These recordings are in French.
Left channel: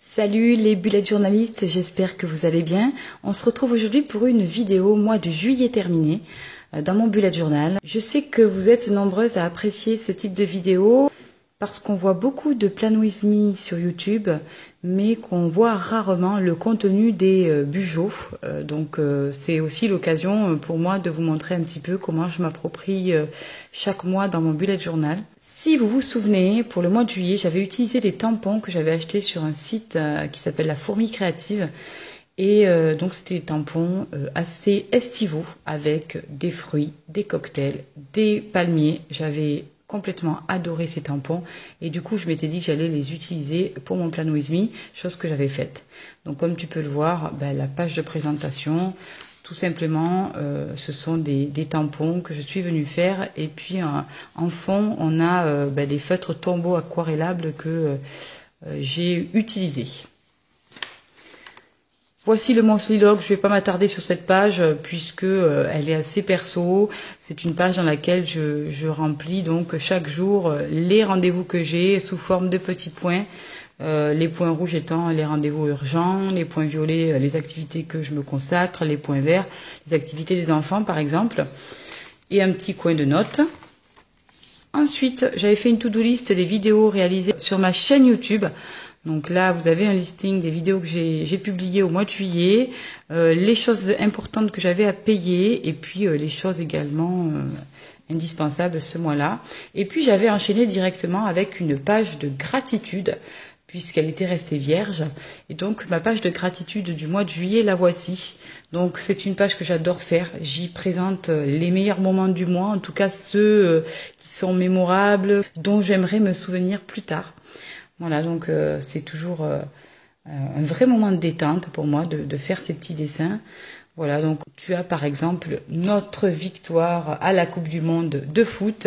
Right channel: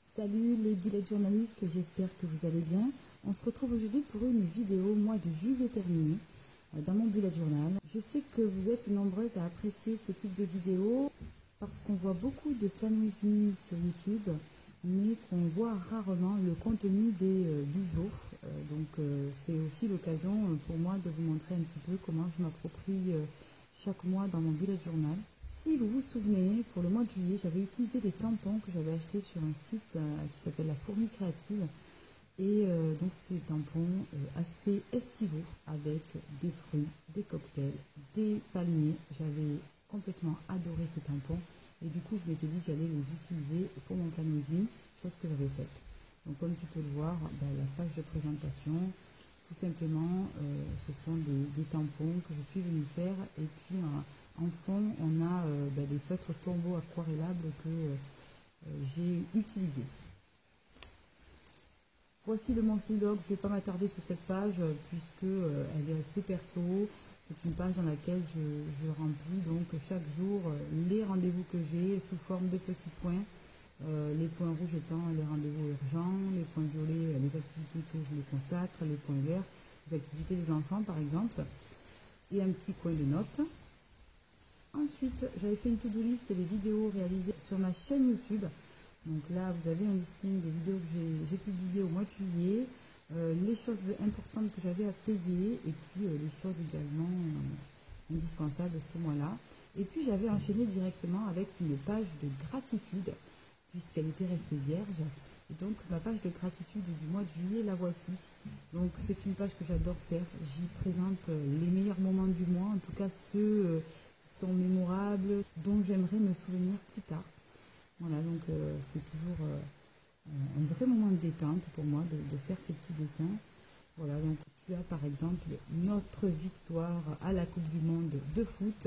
Salut les bullet journalistes, j'espère que vous allez bien. On se retrouve aujourd'hui pour une vidéo mois de juillet terminé dans mon bullet journal. Je sais que vous êtes nombreuses à apprécier ce type de vidéo parce qu'on voit beaucoup de Plan With Me sur YouTube, mais qu'on voit rarement le contenu des bujots. Donc c'est aussi l'occasion pour moi de vous montrer un petit peu comment je m'approprie chaque mois dans mon bullet journal. Si vous vous souvenez, pour le mois de juillet, j'avais utilisé des tampons que j'avais achetés sur un site qui s'appelle La Fourmi Créative. Et donc c'était des tampons assez estivaux avec des fruits, des cocktails, des palmiers. J'avais complètement adoré ces tampons et du coup je m'étais dit que j'allais les utiliser pour mon Plan With Me, chose que j'avais faite. Donc comme tu peux le voir, la page de présentation, tout simplement, ce sont des tampons que je suis venue faire. Et puis, en fond, on a des feutres tombeaux aquarellables que j'ai utilisés. Voici le monthly log. Je ne vais pas m'attarder sur cette page puisque elle est assez perso. C'est une page dans laquelle je remplis donc chaque jour les rendez-vous que j'ai sous forme de petits points. Les points rouges étant les rendez-vous urgents, les points violets, les activités que je me consacre, les points verts, les activités des enfants par exemple, et un petit coin de notes. Ensuite, j'avais fait une to-do list des vidéos réalisées sur ma chaîne YouTube. Donc là, vous avez un listing des vidéos que j'ai publiées au mois de juillet, les choses importantes que j'avais à payer, et puis les choses également indispensables ce mois-là. Et puis j'avais enchaîné directement avec une page de gratitude, puisqu'elle était restée vierge. Et donc ma page de gratitude du mois de juillet, la voici. Donc c'est une page que j'adore faire. J'y présente les meilleurs moments du mois, en tout cas ceux qui sont mémorables, dont j'aimerais me souvenir plus tard. Voilà, donc c'est toujours un vrai moment de détente pour moi de faire ces petits dessins. Voilà, donc tu as par exemple notre victoire à la Coupe du Monde de foot,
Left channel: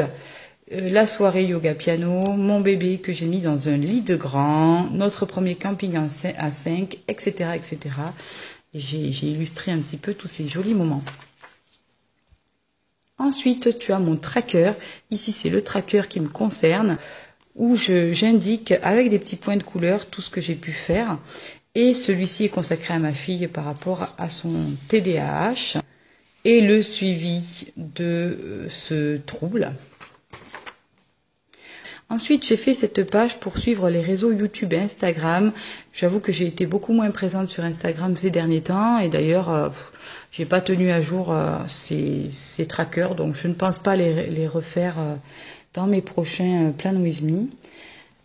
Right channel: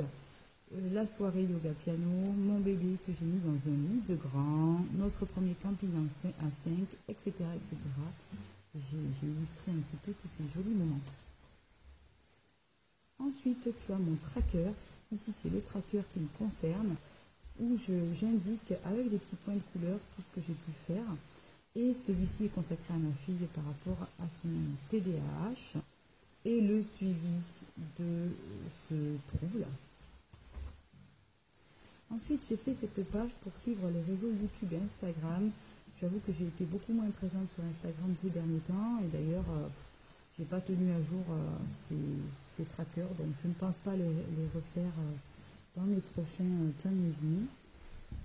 la soirée yoga piano, mon bébé que j'ai mis dans un lit de grand, notre premier camping à 5, etc. etc. Et j'ai illustré un petit peu tous ces jolis moments. Ensuite, tu as mon tracker. Ici, c'est le tracker qui me concerne, où j'indique avec des petits points de couleur tout ce que j'ai pu faire. Et celui-ci est consacré à ma fille par rapport à son TDAH et le suivi de ce trouble. Ensuite, j'ai fait cette page pour suivre les réseaux YouTube et Instagram. J'avoue que j'ai été beaucoup moins présente sur Instagram ces derniers temps. Et d'ailleurs, j'ai pas tenu à jour ces trackers. Donc, je ne pense pas les refaire dans mes prochains Plan With Me.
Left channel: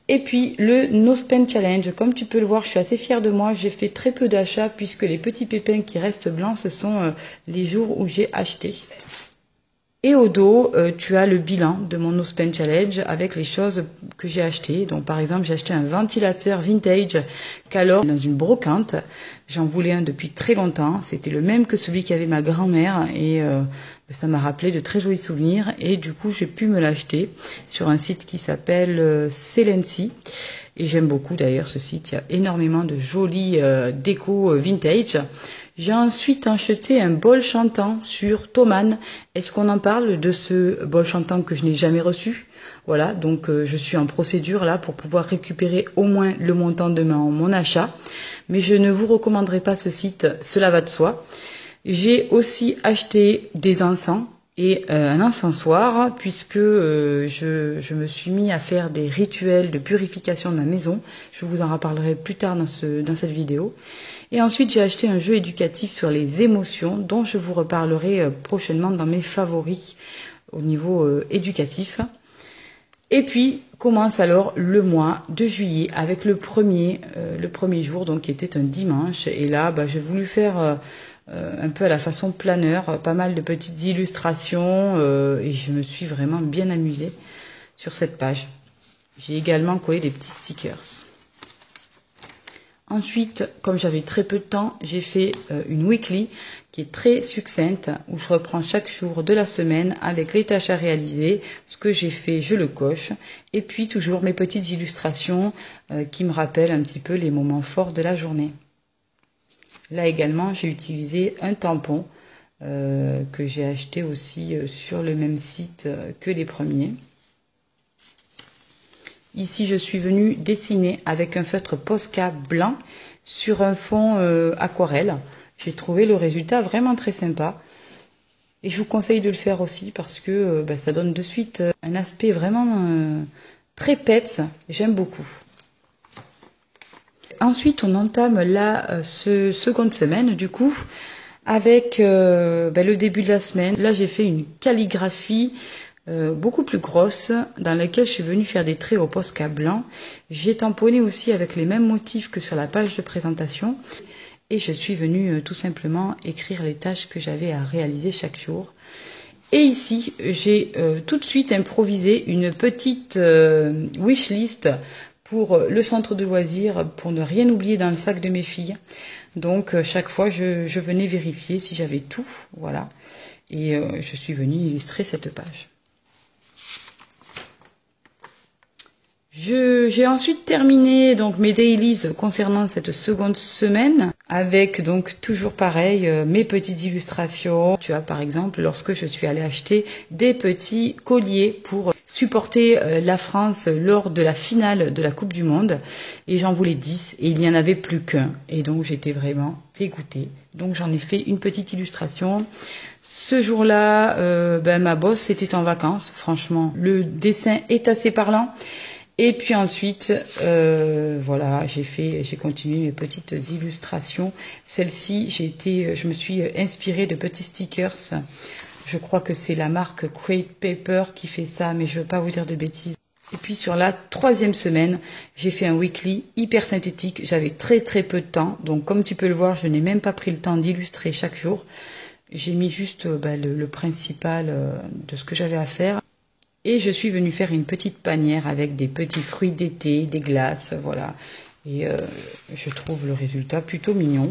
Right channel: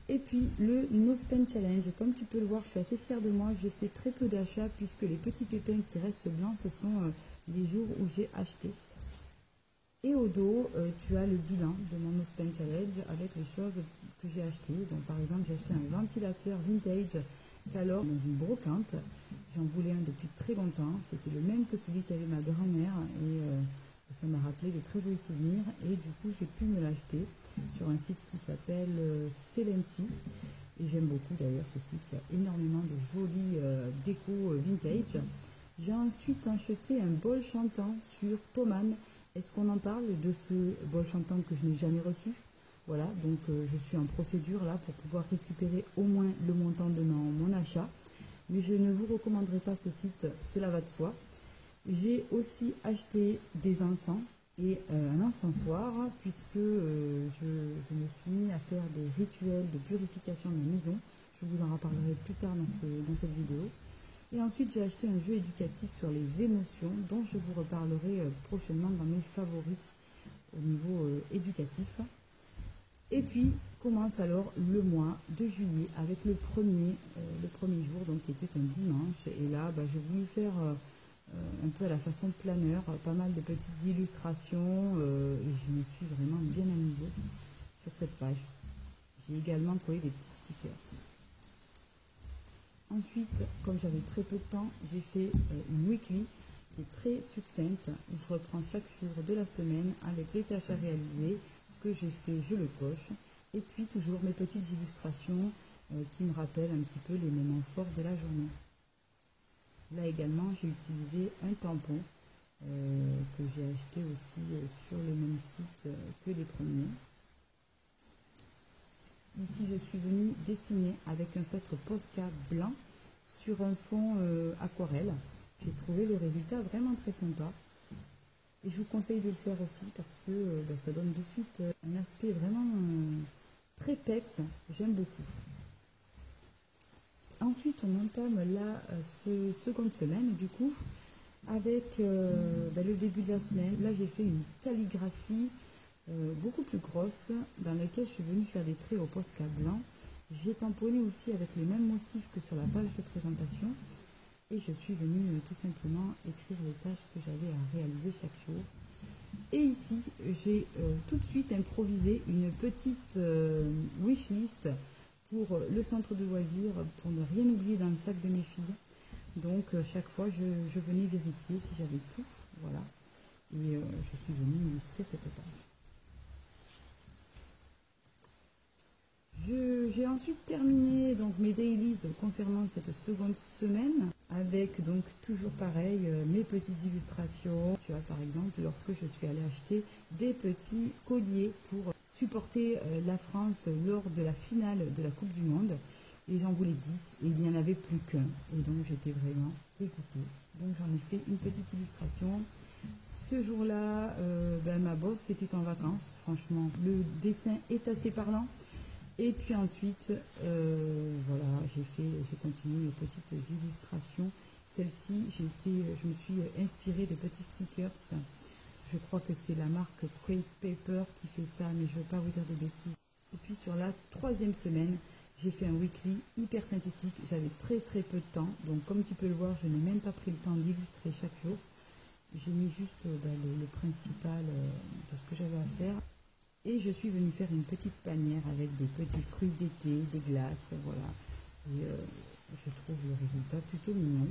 Et puis, le No Spend Challenge. Comme tu peux le voir, je suis assez fière de moi. J'ai fait très peu d'achats puisque les petits pépins qui restent blancs, ce sont les jours où j'ai acheté. Et au dos, tu as le bilan de mon No Spend Challenge avec les choses que j'ai achetées. Donc par exemple, j'ai acheté un ventilateur vintage Calor dans une brocante. J'en voulais un depuis très longtemps. C'était le même que celui qu'avait ma grand-mère et ça m'a rappelé de très jolis souvenirs. Et du coup, j'ai pu me l'acheter sur un site qui s'appelle Celency. Et j'aime beaucoup d'ailleurs ce site. Il y a énormément de jolis déco vintage. J'ai ensuite acheté un bol chantant sur Thomann. Est-ce qu'on en parle de ce bol chantant que je n'ai jamais reçu? Voilà, donc je suis en procédure là pour pouvoir récupérer au moins le montant de mon achat. Mais je ne vous recommanderai pas ce site, cela va de soi. J'ai aussi acheté des encens et un encensoir puisque je me suis mis à faire des rituels de purification de ma maison. Je vous en reparlerai plus tard dans cette vidéo. Et ensuite, j'ai acheté un jeu éducatif sur les émotions dont je vous reparlerai prochainement dans mes favoris au niveau éducatif. Et puis, commence alors le mois de juillet avec le premier jour, donc qui était un dimanche. Et là, j'ai voulu faire un peu à la façon planeur, pas mal de petites illustrations et je me suis vraiment bien amusée sur cette page. J'ai également collé des petits stickers. Ensuite, comme j'avais très peu de temps, j'ai fait une weekly qui est très succincte, où je reprends chaque jour de la semaine avec les tâches à réaliser, ce que j'ai fait, je le coche, et puis toujours mes petites illustrations qui me rappellent un petit peu les moments forts de la journée. Là également, j'ai utilisé un tampon que j'ai acheté aussi sur le même site que les premiers. Ici, je suis venue dessiner avec un feutre Posca blanc sur un fond aquarelle. J'ai trouvé le résultat vraiment très sympa. Et je vous conseille de le faire aussi parce que ça donne de suite un aspect vraiment très peps. J'aime beaucoup. Ensuite, on entame la seconde semaine du coup avec le début de la semaine. Là, j'ai fait une calligraphie beaucoup plus grosse dans laquelle je suis venue faire des traits au Posca blanc. J'ai tamponné aussi avec les mêmes motifs que sur la page de présentation. Et je suis venue tout simplement écrire les tâches que j'avais à réaliser chaque jour. Et ici, j'ai tout de suite improvisé une petite wishlist pour le centre de loisirs, pour ne rien oublier dans le sac de mes filles. Donc, chaque fois, je venais vérifier si j'avais tout. Voilà. Et je suis venue illustrer cette page. J'ai ensuite terminé donc mes dailies concernant cette seconde semaine avec donc toujours pareil mes petites illustrations. Tu vois par exemple lorsque je suis allée acheter des petits colliers pour supporter la France lors de la finale de la Coupe du Monde et j'en voulais 10 et il n'y en avait plus qu'un et donc j'étais vraiment dégoûtée. Donc j'en ai fait une petite illustration. Ce jour-là, ma boss était en vacances. Franchement, le dessin est assez parlant. Et puis ensuite, voilà, j'ai continué mes petites illustrations. Celle-ci, je me suis inspirée de petits stickers. Je crois que c'est la marque Crate Paper qui fait ça, mais je ne veux pas vous dire de bêtises. Et puis sur la troisième semaine, j'ai fait un weekly hyper synthétique. J'avais très très peu de temps, donc comme tu peux le voir, je n'ai même pas pris le temps d'illustrer chaque jour. J'ai mis juste le principal de ce que j'avais à faire. Et je suis venue faire une petite panière avec des petits fruits d'été, des glaces, voilà. Et je trouve le résultat plutôt mignon.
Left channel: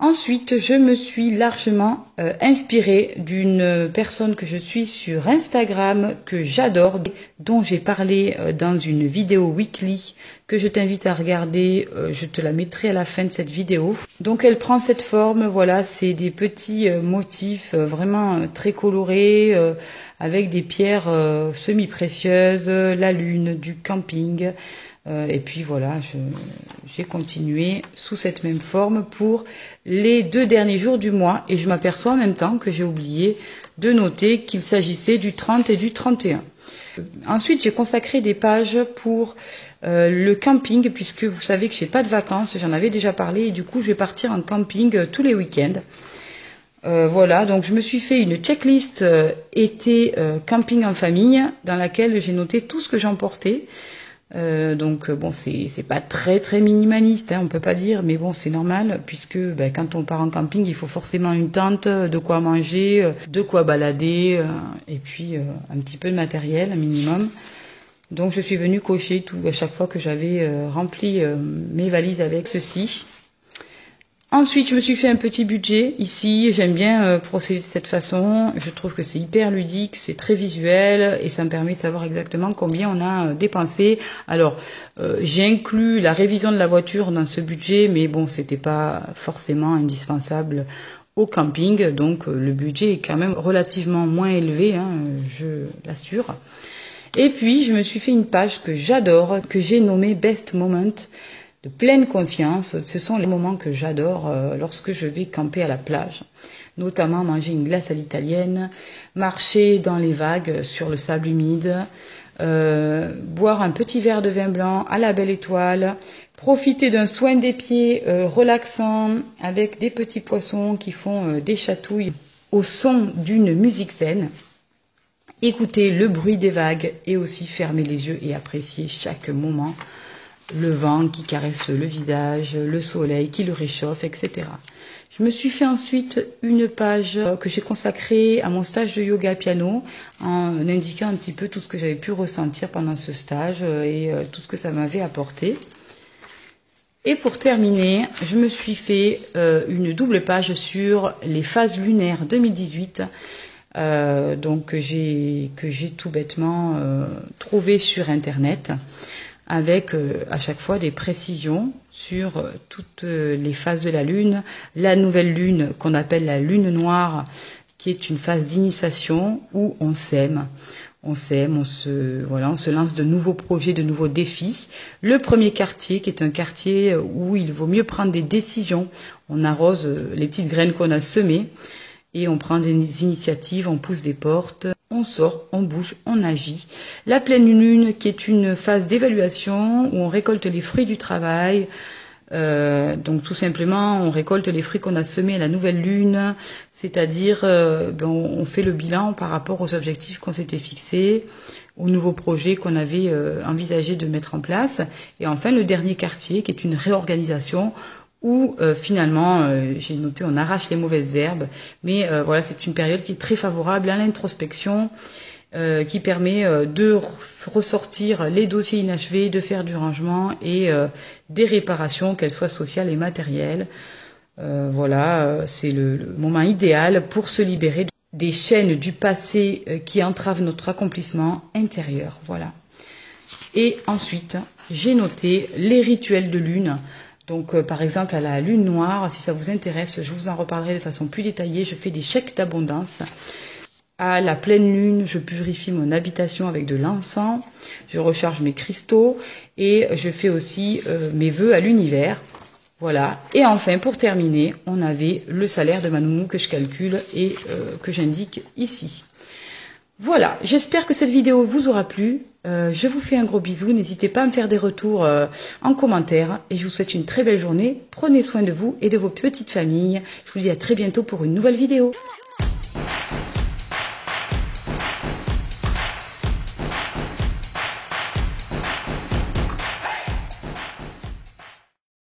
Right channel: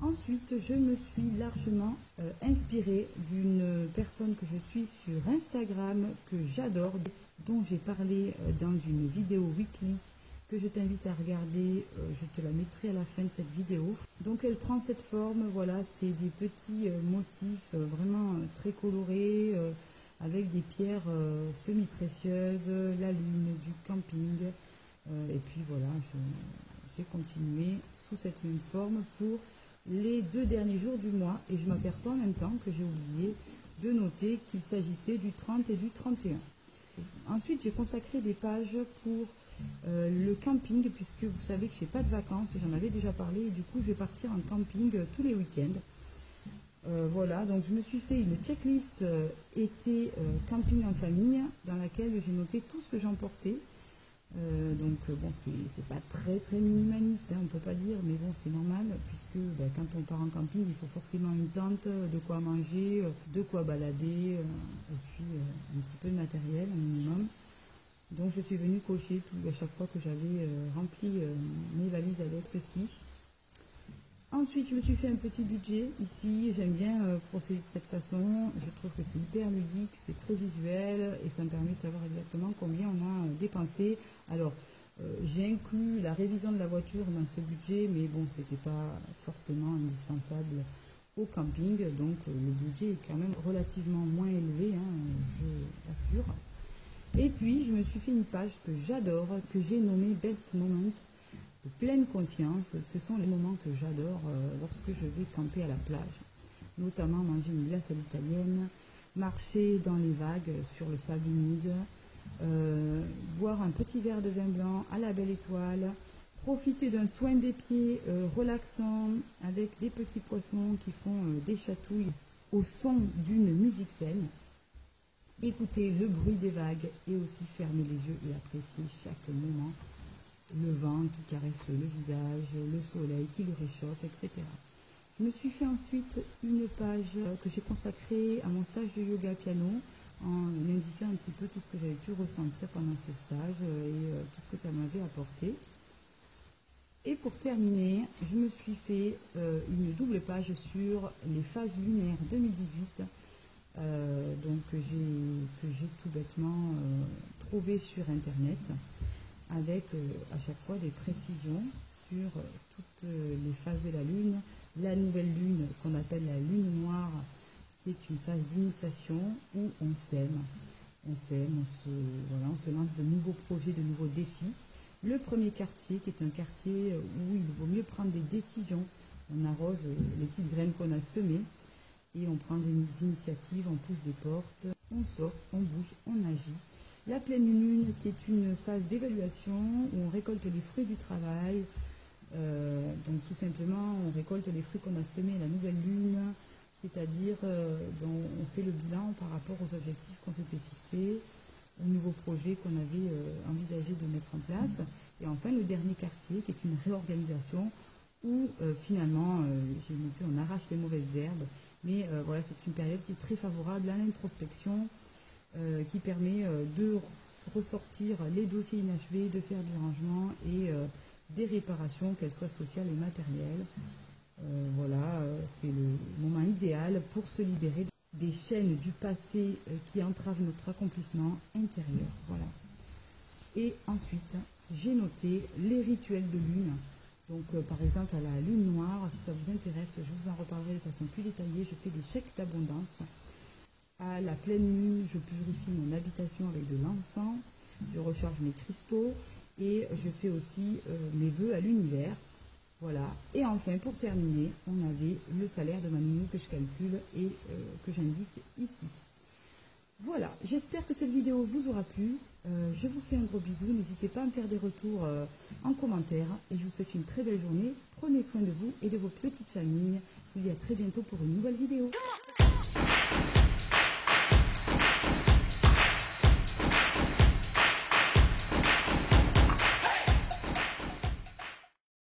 Ensuite, je me suis largement inspirée d'une personne que je suis sur Instagram, que j'adore, dont j'ai parlé dans une vidéo weekly que je t'invite à regarder. Je te la mettrai à la fin de cette vidéo. Donc elle prend cette forme, voilà, c'est des petits motifs vraiment très colorés, avec des pierres semi-précieuses, la lune, du camping. Et puis voilà, j'ai continué sous cette même forme pour les 2 derniers jours du mois. Et je m'aperçois en même temps que j'ai oublié de noter qu'il s'agissait du 30 et du 31. Ensuite, j'ai consacré des pages pour le camping, puisque vous savez que je n'ai pas de vacances, j'en avais déjà parlé, et du coup, je vais partir en camping tous les week-ends. Voilà, donc je me suis fait une checklist été camping en famille, dans laquelle j'ai noté tout ce que j'emportais. Donc bon, c'est pas très très minimaliste, hein, on peut pas dire, mais bon, c'est normal puisque quand on part en camping, il faut forcément une tente, de quoi manger, de quoi balader, et puis un petit peu de matériel, un minimum. Donc je suis venue cocher tout à chaque fois que j'avais rempli mes valises avec ceci. Ensuite, je me suis fait un petit budget ici. J'aime bien procéder de cette façon. Je trouve que c'est hyper ludique, c'est très visuel et ça me permet de savoir exactement combien on a dépensé. Alors, j'ai inclus la révision de la voiture dans ce budget, mais bon, c'était pas forcément indispensable au camping. Donc, le budget est quand même relativement moins élevé, hein, je l'assure. Et puis, je me suis fait une page que j'adore, que j'ai nommée Best Moment. De pleine conscience, ce sont les moments que j'adore lorsque je vais camper à la plage, notamment manger une glace à l'italienne, marcher dans les vagues sur le sable humide, boire un petit verre de vin blanc à la belle étoile, profiter d'un soin des pieds relaxant avec des petits poissons qui font des chatouilles au son d'une musique zen, écouter le bruit des vagues et aussi fermer les yeux et apprécier chaque moment. Le vent qui caresse le visage, le soleil qui le réchauffe, etc. Je me suis fait ensuite une page que j'ai consacrée à mon stage de yoga piano en indiquant un petit peu tout ce que j'avais pu ressentir pendant ce stage et tout ce que ça m'avait apporté. Et pour terminer, je me suis fait une double page sur les phases lunaires 2018 donc que j'ai tout bêtement trouvé sur internet. avec à chaque fois des précisions sur toutes les phases de la lune. La nouvelle lune qu'on appelle la lune noire, qui est une phase d'initiation où on s'aime. On se lance de nouveaux projets, de nouveaux défis. Le premier quartier, qui est un quartier où il vaut mieux prendre des décisions. On arrose les petites graines qu'on a semées et on prend des initiatives, on pousse des portes, on sort, on bouge, on agit. La pleine lune, qui est une phase d'évaluation où on récolte les fruits du travail. Donc tout simplement, on récolte les fruits qu'on a semés à la nouvelle lune, c'est-à-dire on fait le bilan par rapport aux objectifs qu'on s'était fixés, aux nouveaux projets qu'on avait envisagé de mettre en place. Et enfin, le dernier quartier, qui est une réorganisation, où finalement, j'ai noté, on arrache les mauvaises herbes, mais voilà, c'est une période qui est très favorable à l'introspection, qui permet de ressortir les dossiers inachevés, de faire du rangement et des réparations, qu'elles soient sociales et matérielles. Voilà, c'est le moment idéal pour se libérer des chaînes du passé qui entravent notre accomplissement intérieur. Voilà. Et ensuite, j'ai noté les rituels de lune. Donc, par exemple, à la lune noire, si ça vous intéresse, je vous en reparlerai de façon plus détaillée. Je fais des chèques d'abondance. À la pleine lune, je purifie mon habitation avec de l'encens, je recharge mes cristaux et je fais aussi mes vœux à l'univers. Voilà. Et enfin, pour terminer, on avait le salaire de ma nounou que je calcule et que j'indique ici. Voilà, j'espère que cette vidéo vous aura plu. Je vous fais un gros bisou. N'hésitez pas à me faire des retours en commentaire. Et je vous souhaite une très belle journée. Prenez soin de vous et de vos petites familles. Je vous dis à très bientôt pour une nouvelle vidéo.